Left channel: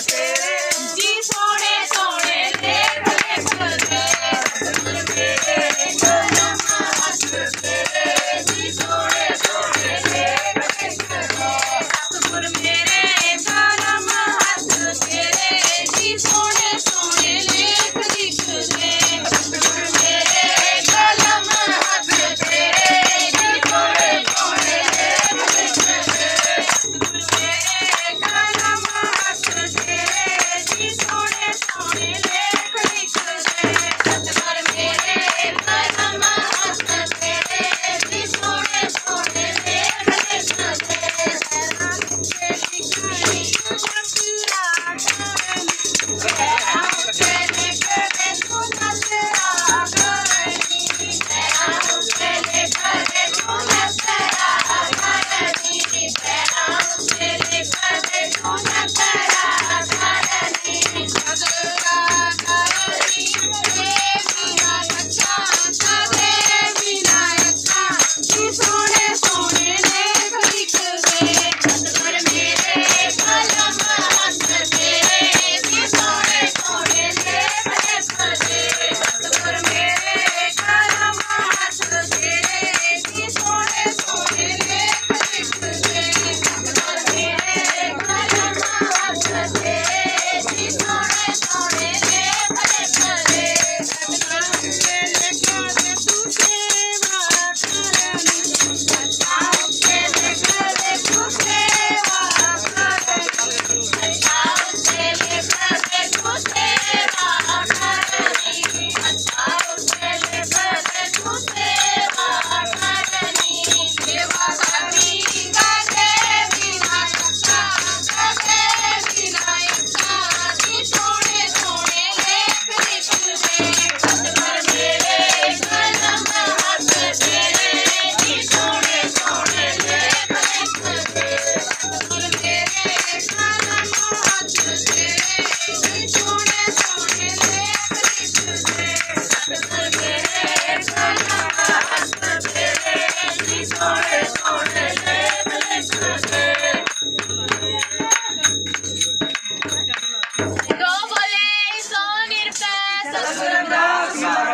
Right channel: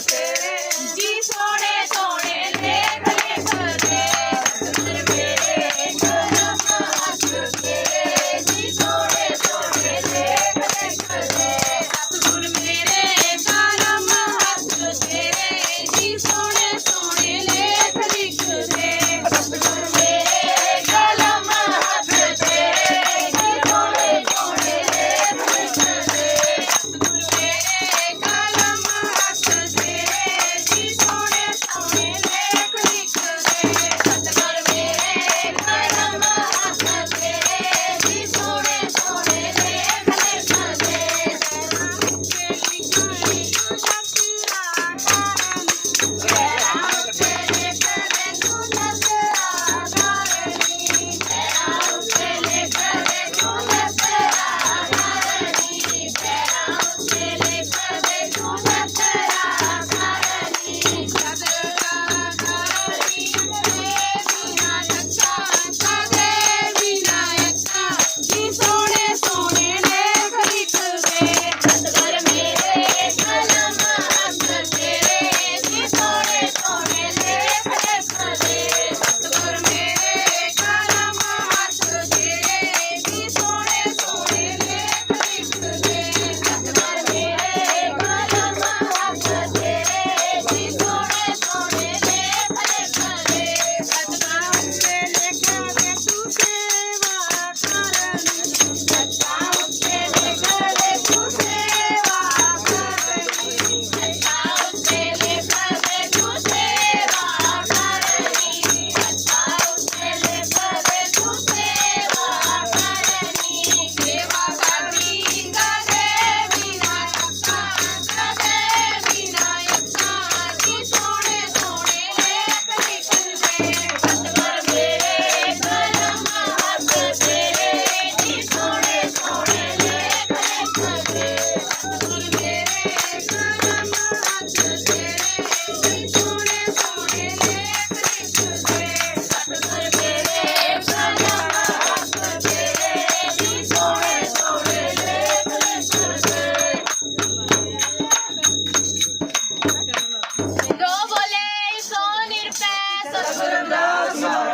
तेरे Taşınmaz mı?